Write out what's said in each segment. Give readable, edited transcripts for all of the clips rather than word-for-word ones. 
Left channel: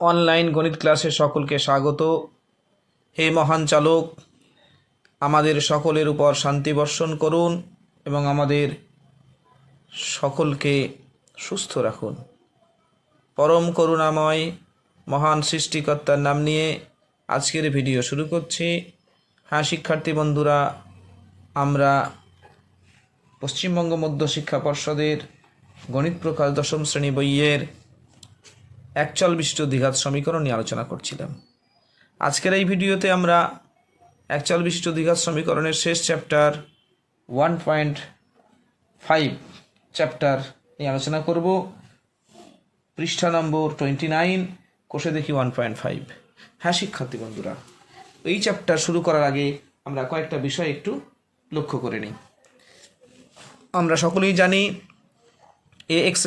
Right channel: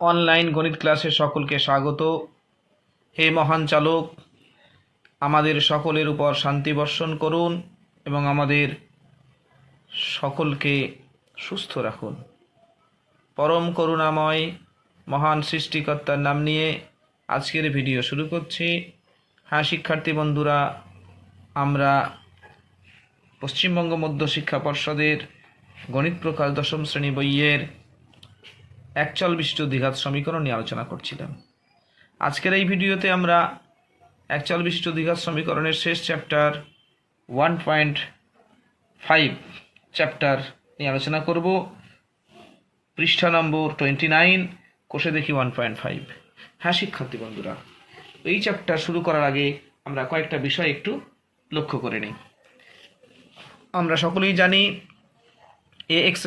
Online গণিত ক্লাসে সকলকে স্বাগত। হে মহান চালক, আমাদের সকলের উপর শান্তি বর্ষণ করুন এবং আমাদের সকলকে সুস্থ রাখুন। পরম করুণাময় মহান সৃষ্টিকর্তার নাম নিয়ে আজকের ভিডিও শুরু করছি। হ্যাঁ শিক্ষার্থী বন্ধুরা, আমরা পশ্চিমবঙ্গ মধ্য শিক্ষা পর্ষদের গণিত প্রকাশ দশম শ্রেণী বইয়ের একচল বিশিষ্ট দ্বিঘাত সমীকরণ নিয়ে আলোচনা করছিলাম। আজকের এই ভিডিওতে আমরা একচল বিশিষ্ট দ্বিঘাত সমীকরণের শেষ চ্যাপ্টার 1.5 চ্যাপ্টার নিয়ে আলোচনা করব। পৃষ্ঠা নম্বর 29, কোষে দেখি 1.5। হ্যাঁ শিক্ষার্থী বন্ধুরা, এই চ্যাপ্টার শুরু করার আগে আমরা কয়েকটা বিষয় একটু লক্ষ্য করে নিই। আমরা সকলেই জানি ax²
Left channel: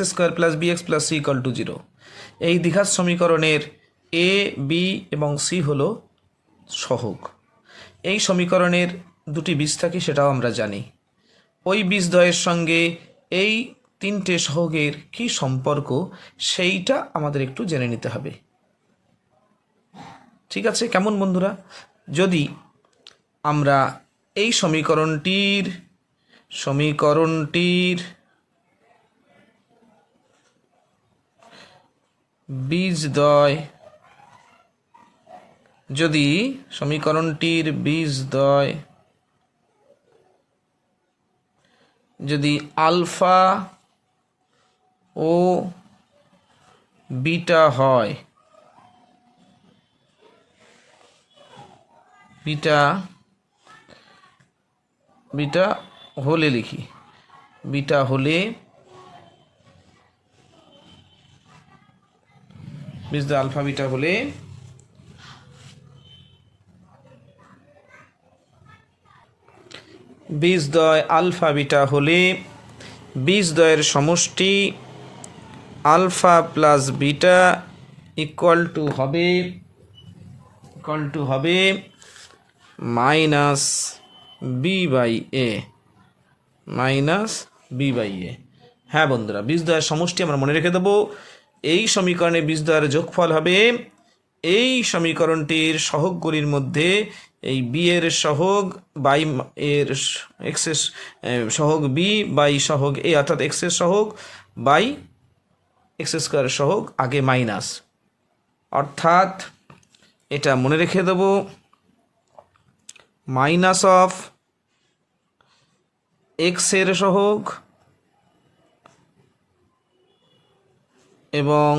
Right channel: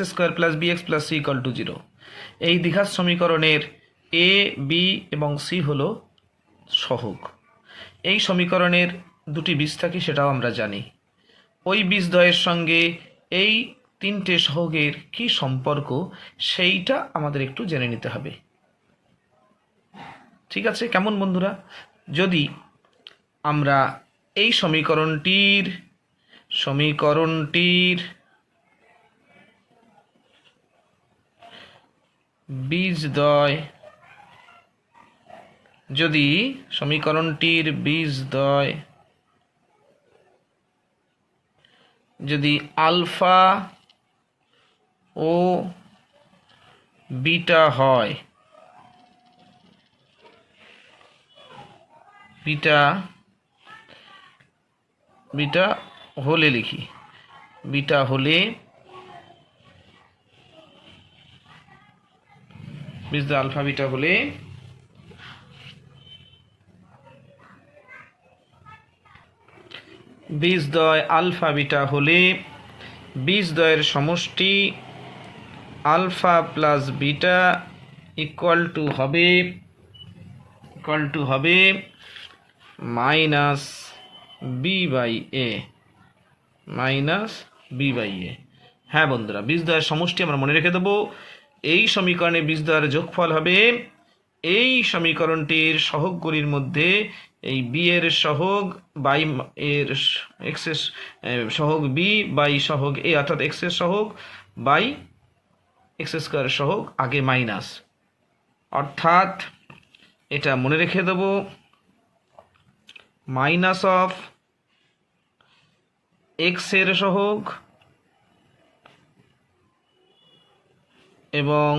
+ bx + c = 0। এই দ্বিঘাত সমীকরণের এ, বি এবং সি হলো সহগ। এই সমীকরণের দুটি বীজ থাকে, সেটাও আমরা জানি। ওই বীজদ্বয়ের সঙ্গে এই তিনটে সহগের কি সম্পর্ক সেইটা আমাদের একটু জেনে নিতে হবে। ঠিক আছে? কেমন বন্ধুরা? যদি আমরা এই সমীকরণটির বীজদ্বয়, যদি সমীকরণটির বীজদ্বয় যদি আলফা ও বিটা হয়, বিটা হলে লিখি, বিটা হলে বীজদ্বয় আলফা বিটা হলে বীজদ্বয় আলফা বিটা হলে বীজদ্বয়ের সমষ্টি alpha plus beta equal to হবে মাইনাস বি বাই এ। হ্যাঁ বন্ধুরা, বীজদ্বয়ের সমষ্টি আমরা মনে রেখে দেবো। এই সমীকরণে বীজদ্বয়ের যোগফল হবে এই সমীকরণটির সহগগুলির মধ্যে এই বি এর সহগ বাই এর এক্সের সহগ বি বাই সহগ এ, অর্থাৎ এক্সের সহগ বাই x² সহগ আগে মাইনাস, অর্থাৎ এটা মনে রেখে দেব মাইনাস অফ এক্সের সহগ এবং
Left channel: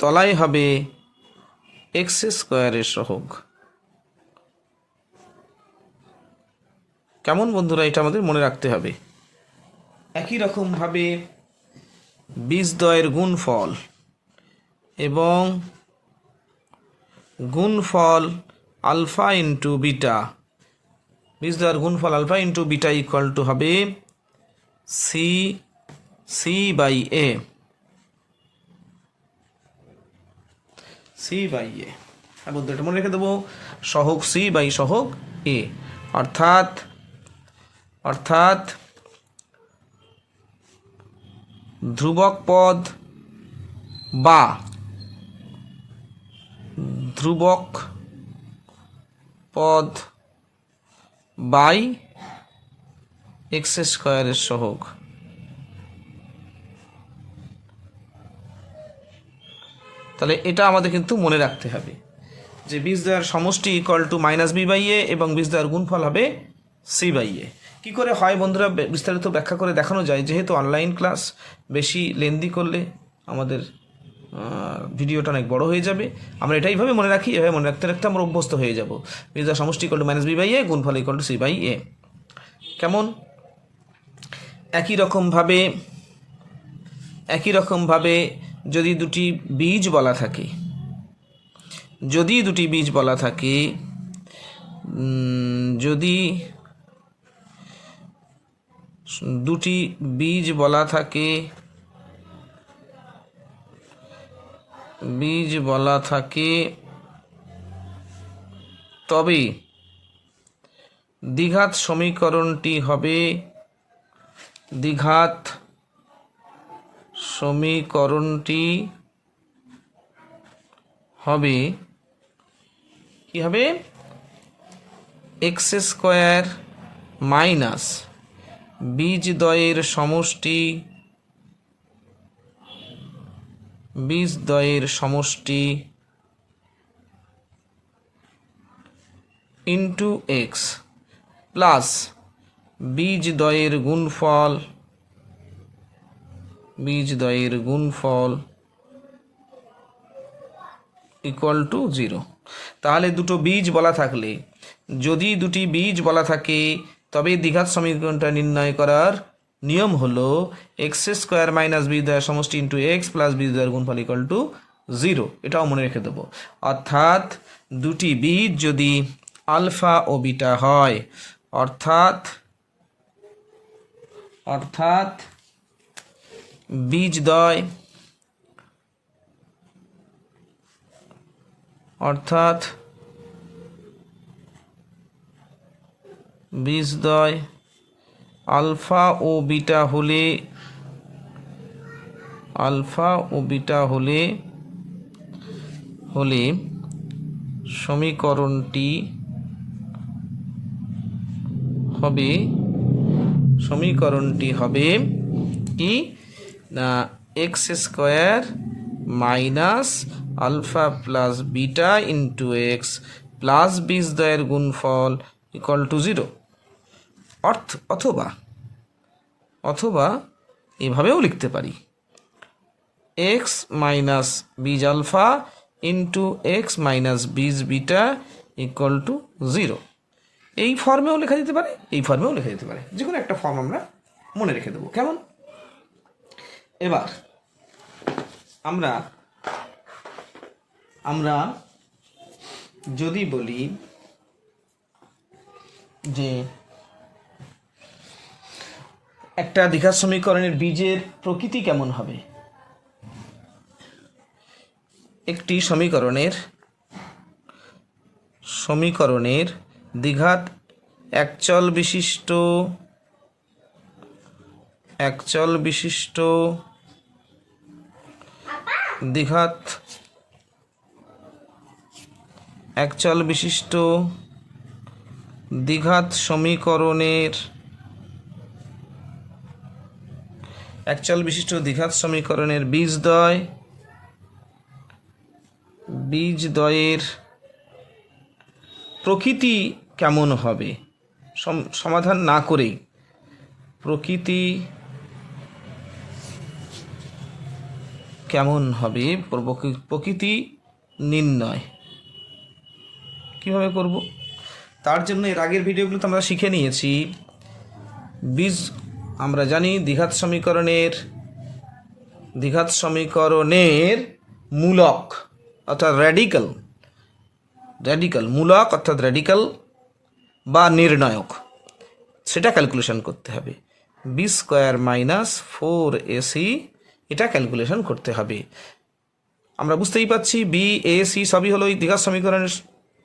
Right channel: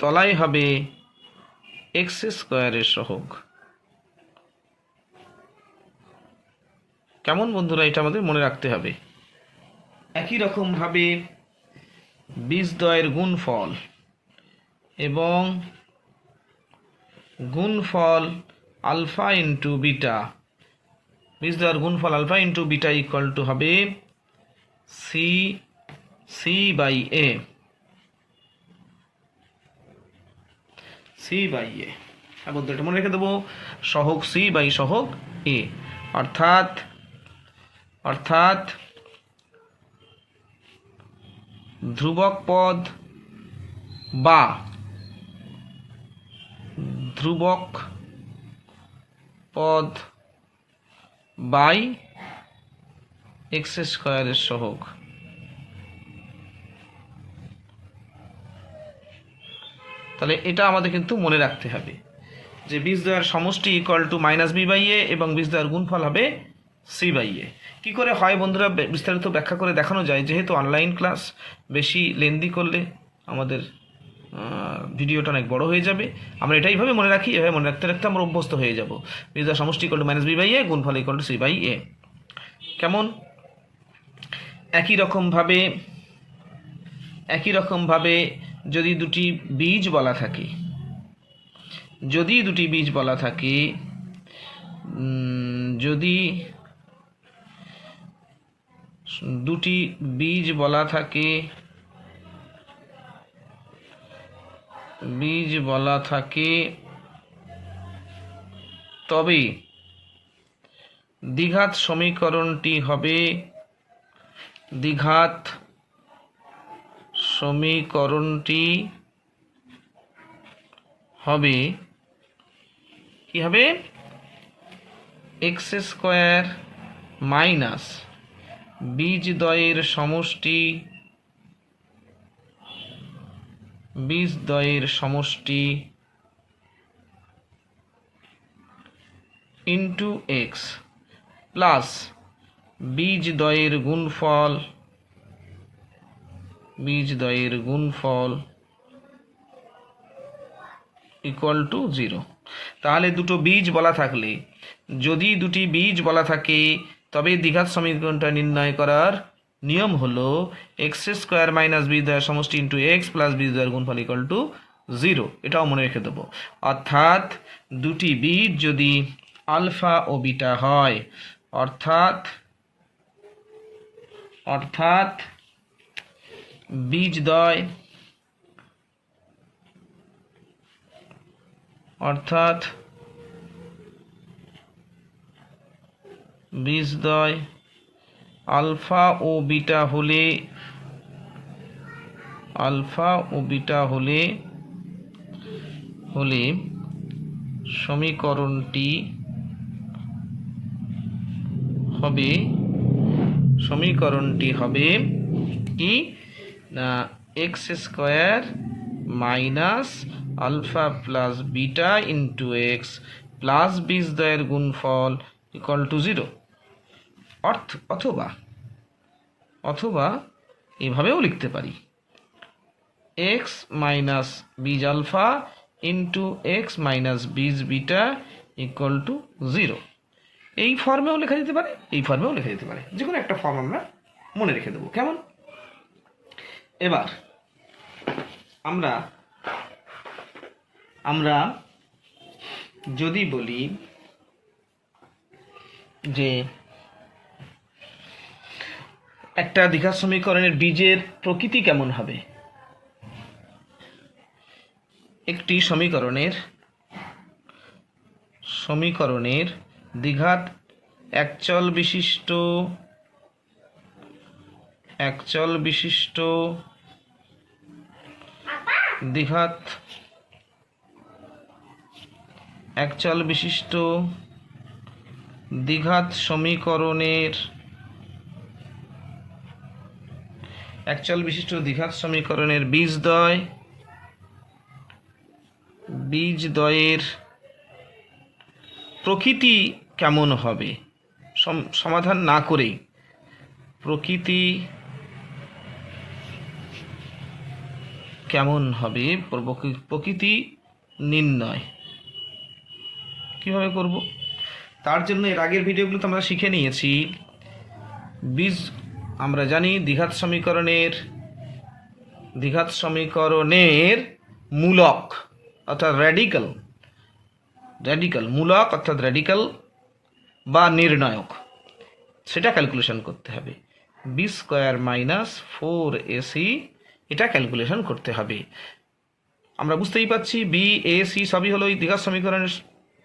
তলায় হবে x² সহগ। কেমন বন্ধুরা? এটা আমাদের মনে রাখতে হবে। একই রকমভাবে বীজদ্বয়ের গুণফল এবং গুণফল আলফা ইন্টু বিটা, বীজদ্বয়ের গুণফল alpha into beta equal to হবে সি বাই এ। হ্যাঁ বন্ধু, এটা মনে রেখে দেবো, সহগ সি বাই সহগ এ, অর্থাৎ ধ্রুবক পদ বাই x² সহগ। তাহলে এটা আমাদের কিন্তু মনে রাখতে হবে যে বীজদ্বয়ের সমষ্টি equal to minus B by A এবং বীজদ্বয়ের গুণফল হবে সি বাই এ। কী করে হয় বন্ধুরা, বিস্তারিত ব্যাখ্যা করে দেখানো যায়। যেহেতু অনলাইন ক্লাস, বেশি লেন্দি করলে আমাদের ভিডিওটা অনেক বড় হয়ে যাবে। আমরা এটাইভাবে মনে রাখি, এভাবে মনে রাখতে আমরা অভ্যস্ত হয়ে যাব। বীজদ্বয়ের সমষ্টি equal to minus B by A, গুণফল equal to C by A. কেমন? একই রকমভাবে যদি দুটি বীজ বলা থাকে, যদি দুটি বীজ বলা থাকে তবে দ্বিঘাত সমীকরণটি হবে দ্বিঘাত সমীকরণটি হবে কি হবে এক্স স্কোয়ার মাইনাস বীজদ্বয়ের সমষ্টি ইন্টু এক্স প্লাস বীজদ্বয়ের গুণফল ইকুয়াল টু 0। তাহলে দুটো বীজ বলা থাকলে, যদি দুটি বীজ বলা থাকে, তবে দ্বিঘাত সমীকরণটা নির্ণয় করার নিয়ম হলো এক্স স্কোয়ার মাইনাস বীজদ্বয়ের সমষ্টি ইন্টু এক্স প্লাস বীজদ্বয়ের গুণফল ইকুয়াল টু 0। এটাও মনে রেখে দেবো। অর্থাৎ দুটি বীজ যদি আলফা ও বিটা হয়, অর্থাৎ বীজদ্বয় আলফা ও বিটা হলে সমীকরণটি হবে কি না X square minus alpha plus beta into X plus বীজদ্বয়ের গুণফল ইকুয়াল টু 0। অথবা এভাবেও লিখতে পারি এক্স মাইনাস বীজ আলফা ইন্টু এক্স মাইনাস বীজ বিটা ইকুয়াল টু 0। এই ফর্মেও লেখা যেতে পারে, যে কোনো একটা ফর্ম আমরা মনে রেখে দেবো। কেমন? এবার আমরা যদি বলি যে একটা দ্বিঘাত সমীকরণের বীজের প্রকৃতি কেমন হবে, একটি সমীকরণের দ্বিঘাত একচল বিশিষ্ট দ্বিঘাত সমীকরণের বীজদ্বয়ের প্রকৃতি কেমন হবে, সমাধান না করেই প্রকৃতি কেমন হবে, প্রকৃতি নির্ণয় কিভাবে করব? তার জন্য এর আগের ভিডিওগুলোতে আমরা শিখে নিয়েছি আমরা জানি দ্বিঘাত সমীকরণের মূলক অর্থাৎ র্যাডিক্যাল বা নির্ণায়ক, সেটা ক্যালকুলেশন করতে হবে। বি স্কোয়ার মাইনাস 4ac এটা ক্যালকুলেশন করতে হবে। আমরা বুঝতেই পাচ্ছি বি এ সি সবই হলো এই দ্বিঘাত সমীকরণের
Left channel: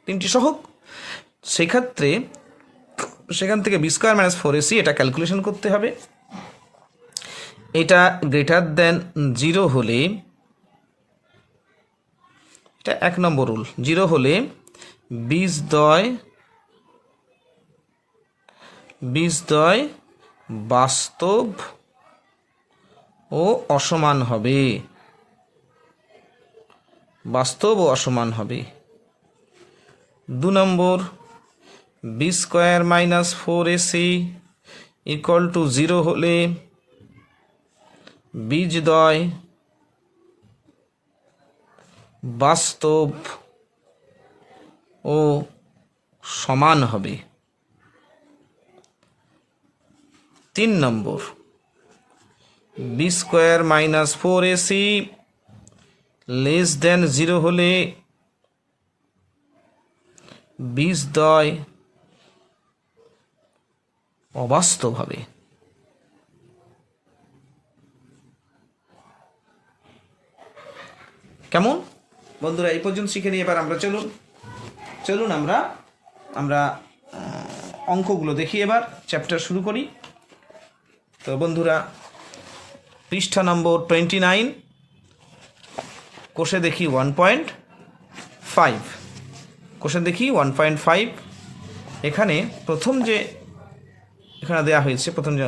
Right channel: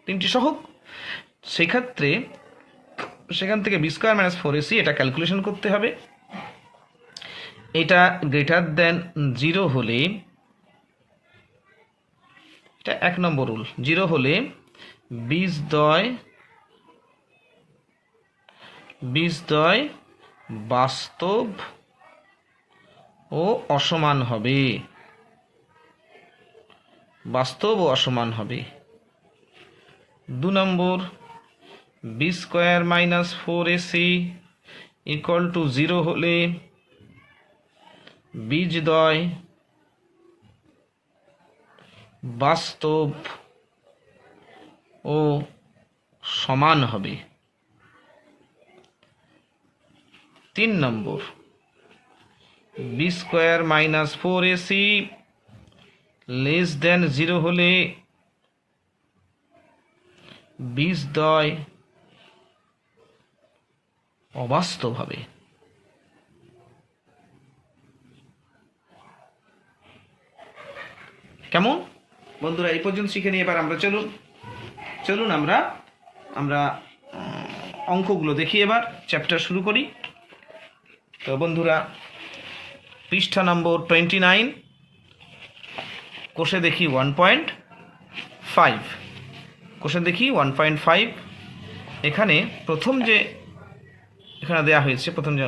তিনটি সহগ। সেখান থেকে বি স্কোয়ার মাইনাস 4ac এটা ক্যালকুলেশন করতে হবে। এটা গ্রেটার দেন 0 হলে, এটা 1 নম্বর রুল, 0 হলে বীজদ্বয় বাস্তব ও অসমান হবে। 2 number b square minus 4ac equal to 0 হলে বীজদ্বয় বাস্তব ও সমান হবে। 3 number b square minus 4ac less than 0 হলে বীজদ্বয় অবাস্তব হবে। কেমন বন্ধুরা? এই পর্যন্ত শিখে নিয়ে এবার আমরা চলুন আমরা অঙ্কগুলো দেখি। এবার চ্যাপ্টার শুরু করি। তো বন্ধুরা, পৃষ্ঠা নম্বর 29, কোষে দেখি 1.5। কোষে দেখি 1.5। এখানে প্রথম যে এখানে দেওয়া হয়েছে, প্রথম যে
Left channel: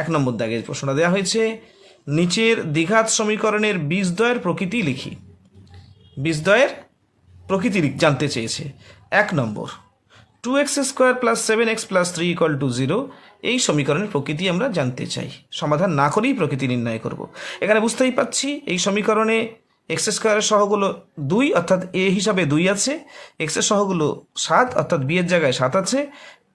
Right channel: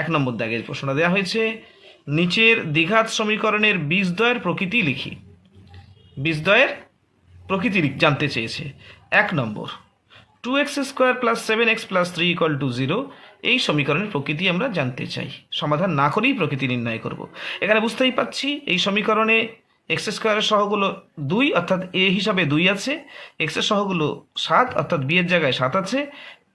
1 নম্বর দাগের প্রশ্নটা দেওয়া হয়েছে, নিচের দ্বিঘাত সমীকরণের বীজদ্বয়ের প্রকৃতি লিখি। বীজদ্বয়ের প্রকৃতি জানতে চেয়েছে। 1 নম্বর, 2x² + 7x + 3 = 0, এই সমীকরণের প্রকৃতি আমরা জানতে চাই। সমাধান না করেই প্রকৃতি নির্ণয় করব। এখানে বুঝতেই পাচ্ছি এই সমীকরণে x² সহগুলো 2, অর্থাৎ a হিসাবে 2 আছে, x এর সহগুলো 7, অর্থাৎ b এর জায়গায় 7 আছে,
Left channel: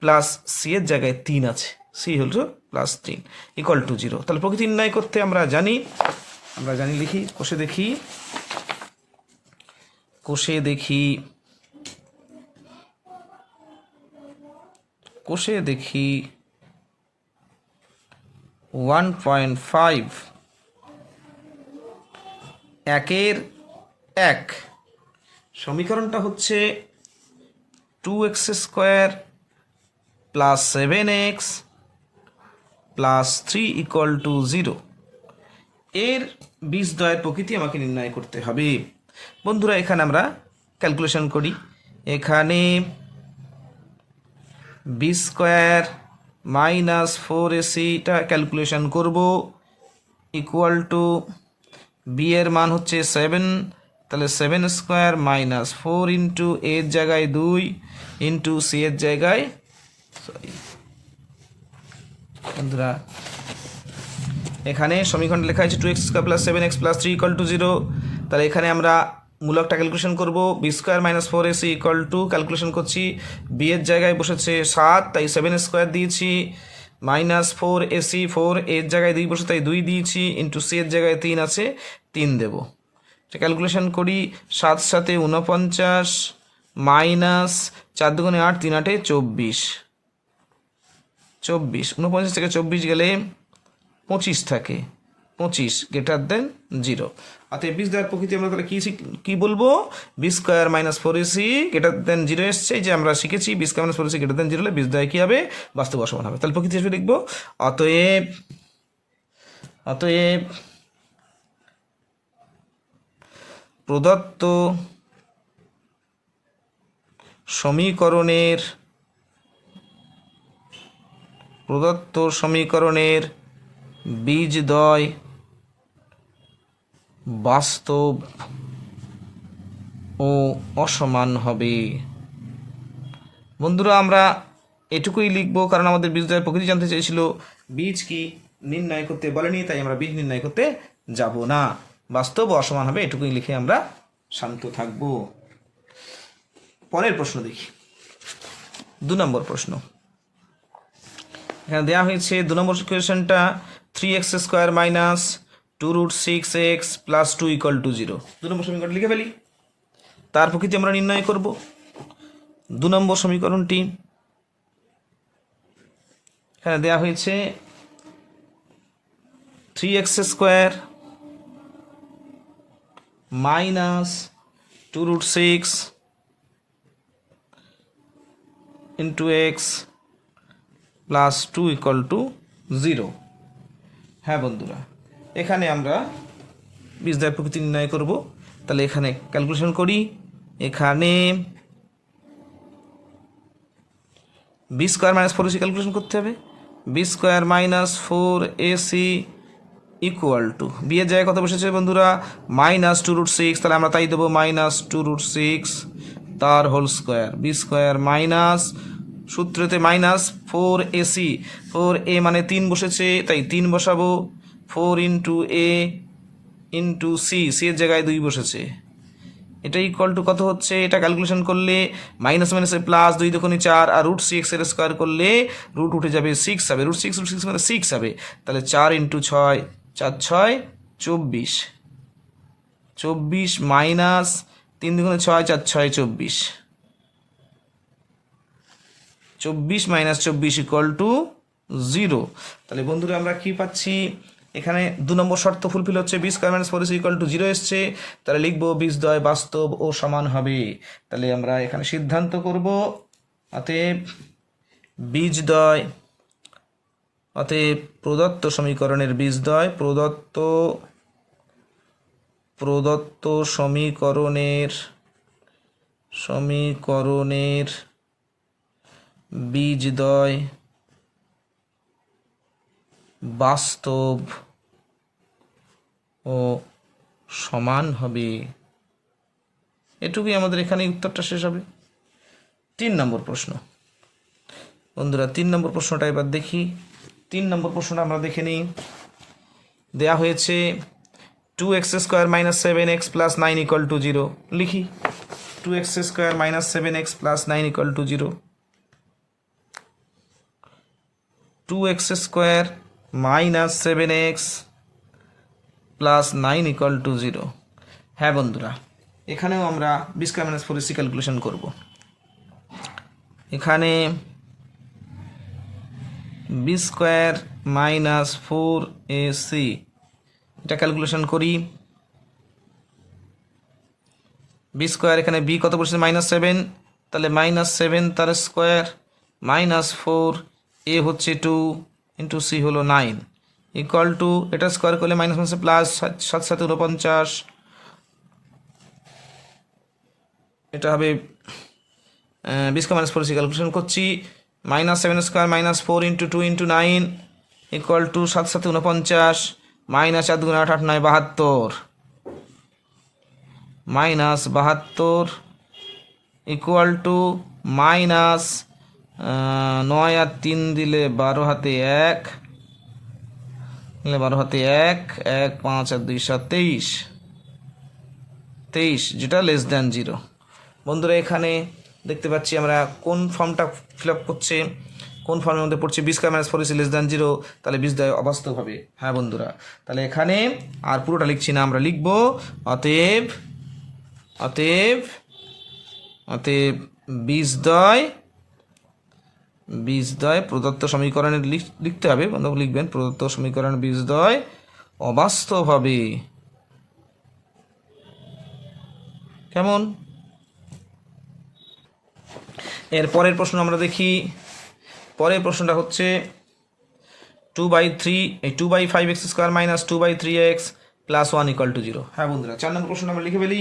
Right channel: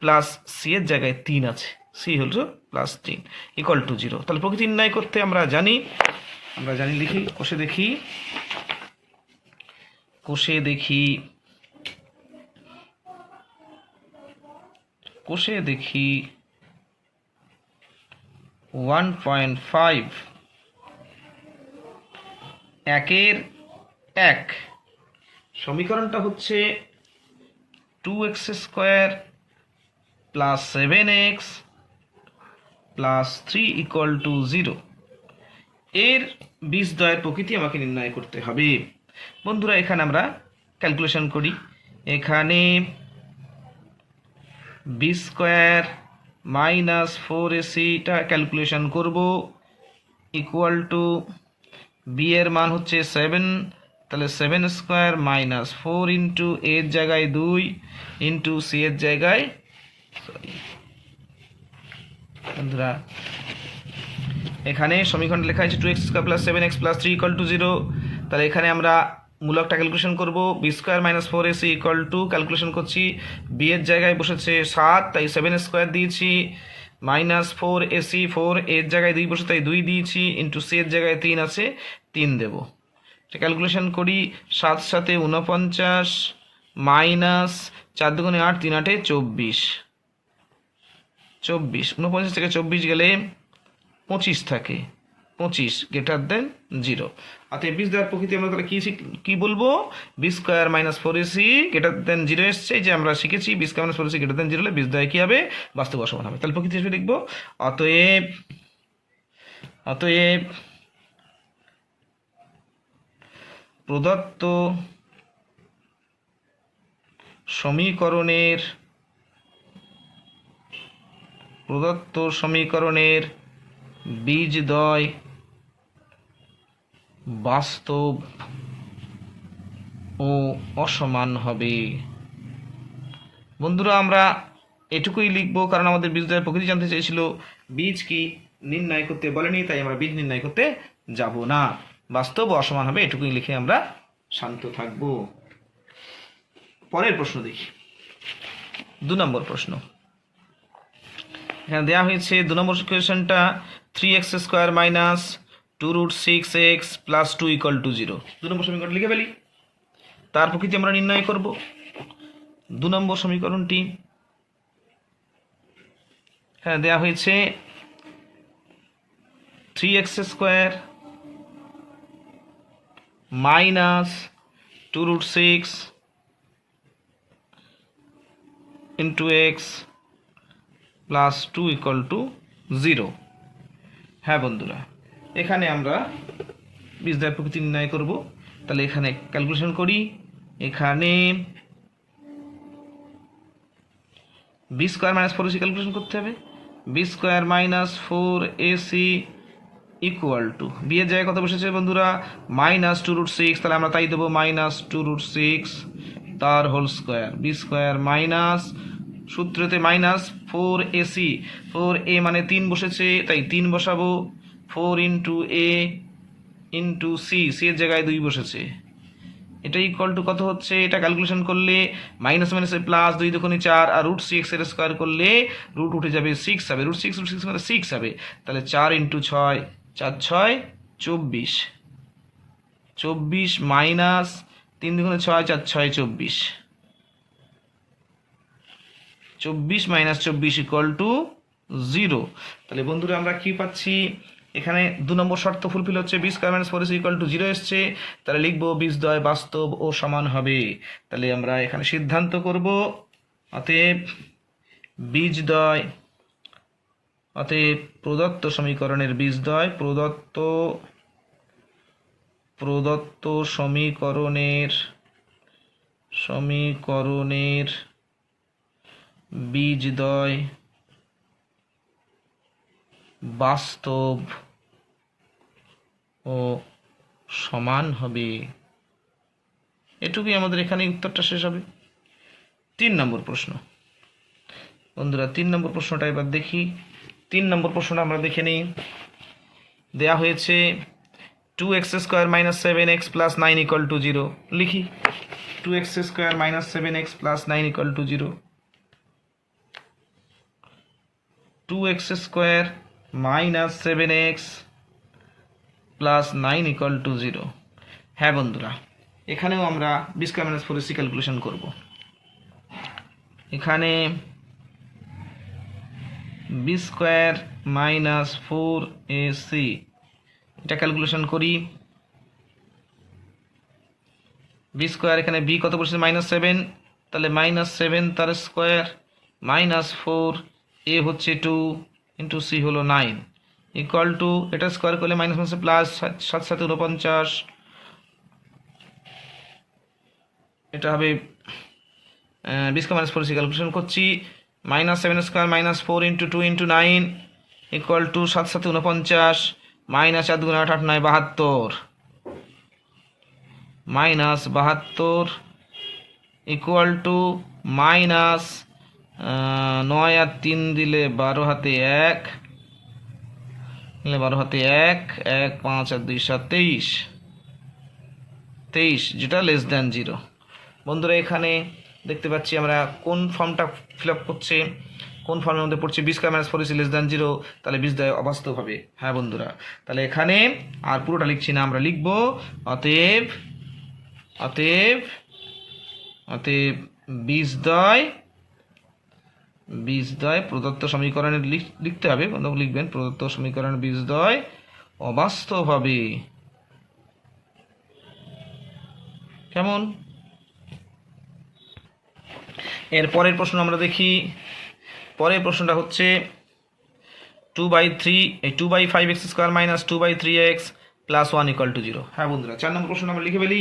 প্লাস c এর জায়গায় 3 আছে, c হলো +3 = 0। তাহলে প্রকৃতি নির্ণয় করতে আমরা জানি লিখি। কোষে দেখি 1.5, 1 সমীকরণটা হচ্ছে 2x² + 7x + 3 = 0। এর বীজদ্বয়ের প্রকৃতি আমাকে নির্ণয় করতে হবে। বন্ধুরা, এখানে আমরা ক্যালকুলেশন করি। এখানে b² - 4ac ক্যালকুলেশন করব, = b এর মান হচ্ছে 7, তাহলে 7² - 4 × a এর জায়গায় 2 × c এর জায়গায়, বন্ধুরা এখানে সমীকরণ লেখা আছে 2x² + 7x + 3 = 0। তাহলে এখানে আমরা মূলকটা ক্যালকুলেশন করব। b² - 4ac = ক্যালকুলেশন করছি, b এর জায়গায় বসেছে 7, তাই 7² দিয়েছি, -4ac, 4 এর জায়গায় 2 বসে তাই 2 দিয়েছি, × c এর জায়গায় 3 আছে, 3 দেব। ক্যালকুলেশন করি, 7 × 7 = 49, -4 × 2 = 8, 3 × 8 = 24। 49 থেকে 24 গেলে 25 থাকে, 25 > 0। অতএব বীজদ্বয়ের প্রকৃতি আমরা তাহলে কি বলবো? b² - 4ac > 0 এসছে, যে আমরা শিখেছি b² - 4ac > 0 হলে বীজদ্বয় কি হবে? বাস্তব অসমান হবে। তাহলে প্রকৃতি হিসেবে লিখবো, অতএব প্রদত্ত সমীকরণের বীজদ্বয় বাস্তব ও অসমান হবে। বন্ধুরা, আমরা এটুকুই লিখব, কারণ আমাদের বীজদ্বয়ের প্রকৃতি জানতে চেয়েছিল, বীজ কি নির্ণয় করতে বলেনি, তাই আমরা বীজ নির্ণয় করতে যাব না। বাস্তব ও অসমান হবে, এটুকুই লিখে আমরা শান্ত থাকব। পরের প্রশ্ন দেখি। 2 নম্বর প্রশ্ন এখানে দেওয়া হয়েছে। 2 নম্বর কোয়েশ্চেনটা, 3x² - 2√6x + 2 = 0। 2 নম্বর সমীকরণ লিখে ফেলি, তার প্রকৃতি আমরা নির্ণয় করব। 2 নম্বর সমীকরণটি এখানে দেওয়া হয়েছে 3x² - 2√6 × x + 2 = 0। হ্যাঁ বন্ধুরা, এখানে আমরা বীজদ্বয়ের প্রকৃতি নির্ণয় করব। তাহলে এখানে ক্যালকুলেশন করি। এখানে b² - 4ac ক্যালকুলেশন করতে হবে। b² - 4ac = b এর জায়গায় কত বসেছে বন্ধুরা? -2√6, তাহলে আমরা তাই দেবো, -2√6 তার whole square. b² সূত্রতে -4ac, 4a মানে 3 বসেছে, তাই 3 বসাবো, 4 × a × c, c এর জায়গায় 2 বসেছে। এটা = কত হচ্ছে? এটা ক্যালকুলেশন করলে -− প্লাস, 2 × 2 = 4, আর √6 এর স্কোয়ার করলে রুট উঠে যাবে, 6 হবে। √6 মানে 6 হবে, তাহলে 4 × 6, 4 × 6 = 24, 24 - 3 × 2 = 6, 4 × 6 = 24, 24 - 24 = 0। তাহলে বন্ধুরা আমরা কি পাচ্ছি? এখানে 2 নম্বর শর্ত ফুলফিল হচ্ছে, b² - 4ac = 0 এসছে, তাহলে লিখবো বীজদ্বয় বাস্তব ও সমান হবে। তাহলে আমরা এখানে সিদ্ধান্ত করব, অতএব বীজদ্বয় অতএব প্রদত্ত সমীকরণের বীজদ্বয় প্রদত্ত সমীকরণের বীজদ্বয় বাস্তব ও সমান হবে। এটুকুই আমাদের এখানে উত্তরটা শেষ হবে। 3 নম্বর প্রশ্ন বন্ধুরা, 3 নম্বর প্রশ্নটা এবার দেখি। 3 নম্বর প্রশ্নটা আমরা দেখে নিই। দেয়া হয়েছে 2x² - 7x + 9 = 0। লিখি 2x² - 7x + 9 = 0। 2x² - 7x + 9 = 0। হ্যাঁ বন্ধুরা, এখানেও আমরা b² - 4ac ক্যালকুলেশন করব। এখানে b² - 4ac এটা ক্যালকুলেশন করি। b² এখানে b কত বসেছে -7, তাহলে -7 তার স্কোয়ার -4 a হচ্ছে 2 ইন্টু c হলো 9 ইকুয়াল টু এটা স্কোয়ার করলে মাইনাস মাইনাসে প্লাস 7 7 49, এটা হবে b² - 4ac ক্যালকুলেশন করছি। -7² - 4 into 2 into 9 equal to 7 7 49 -4 2 8 8 9 72 -72 equal to -9 আর 3 দিলে 12 হাতে 1 12 হাতে 1 1 5 আর 2 7 23 যেটা লেস দ্যান 0। বন্ধুরা এখানে দেখতে পাচ্ছি আমরা কোন ফর্মটা ফিল আপ করছে, কোন ফর্মের মধ্যে পড়ছে b² - 4ac লেস দ্যান 0, তাহলে বীজদ্বয় অবাস্তব হবে। হ্যাঁ বন্ধুরা, তাহলে এখানে আর পুরোটা লিখছি না, আমরা লিখব অতএব বীজদ্বয় প্রদত্ত সমীকরণের লিখতে হবে, বন্ধু লিখবেন প্রদত্ত সমীকরণের বীজদ্বয় অবাস্তব হবে। কেমন? এর পরের প্রশ্ন আমরা দেখি। পরের প্রশ্নটা হচ্ছে 2/5x² - 2/3x + 1 = 0। হ্যাঁ বন্ধুরা, 4 নম্বর প্রশ্নটা আমরা লিখে ফেলি।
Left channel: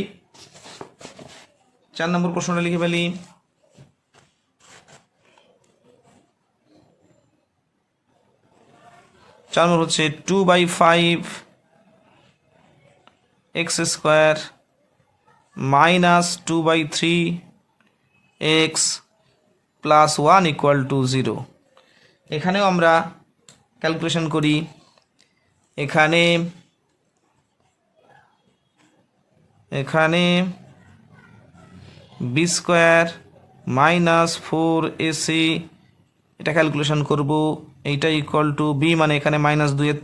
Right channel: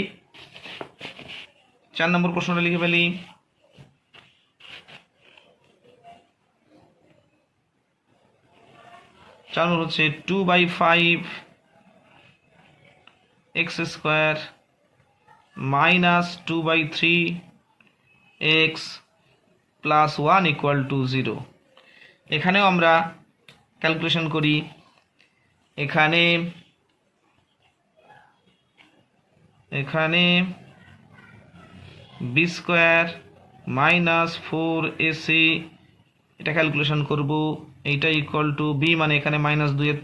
4 নম্বর প্রশ্নটা লিখে ফেলি। 4 নম্বর হচ্ছে 2/5x² - 2/3x + 1 = 0। এখানেও আমরা ক্যালকুলেশন করি। এখানে b² - 4ac এটা ক্যালকুলেশন করব। এইটা ইকুয়াল টু b মানে এখানে -2 এর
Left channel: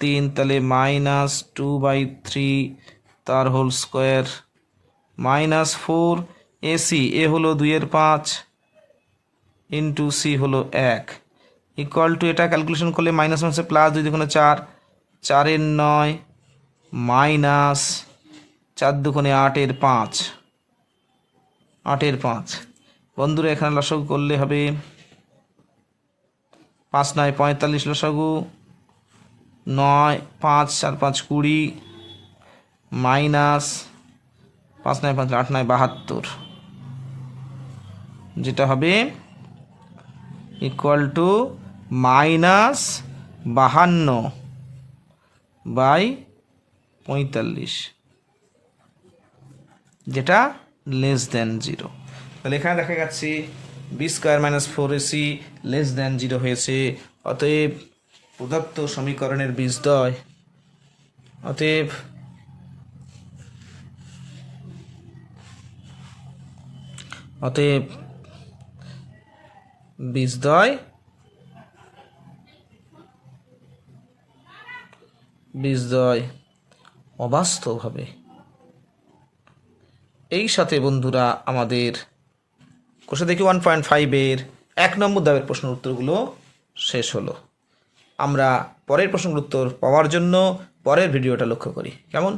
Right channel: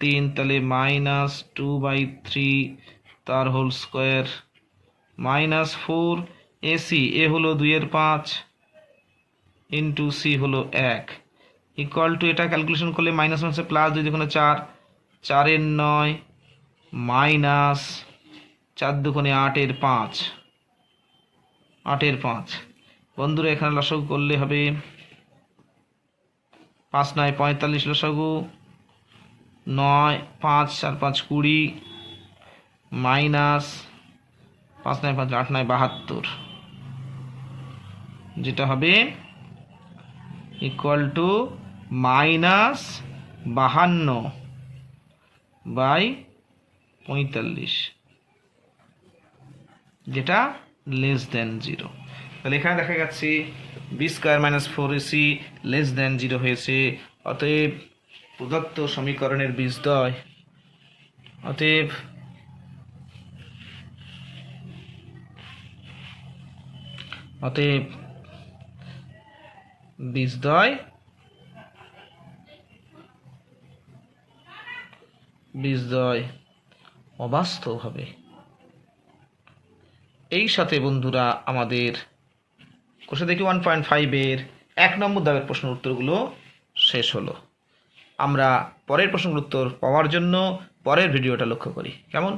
3 তাহলে -2/3 তার হোল স্কোয়ার -4ac এ হলো 2 এর 5 ইন্টু c হলো 1 ইকুয়াল টু এটা ক্যালকুলেশন করলে মাইনাস মাইনাসে প্লাস 2 দুগুণে 4 4 এর 9 মাইনাস 4 দুগুণে 8 এর 5 বন্ধুরা এখানে লসাগু করলে হবে 5 9 45 লসাগু 9 5 4 5 20 মাইনাস 5 9 5 8 9 72 যেটা হবে ইকুয়াল টু -52/45 যেটা লেস দ্যান 0। তাহলে এখানে দেখা যাচ্ছে b² - 4ac লেস দ্যান 0 হয়েছে। অতএব প্রদত্ত সমীকরণের বীজদ্বয় বীজদ্বয় অবাস্তব হবে। এই সাথে বন্ধুরা আমাদের কোষে দেখি 1.5 এর 1 নম্বর দাগের প্রশ্নের উত্তরগুলো শেষ হলো। আমরা পরের প্রশ্নের উত্তর পাওয়ার জন্য পরের ভিডিওটা লক্ষ্য করি। কেমন?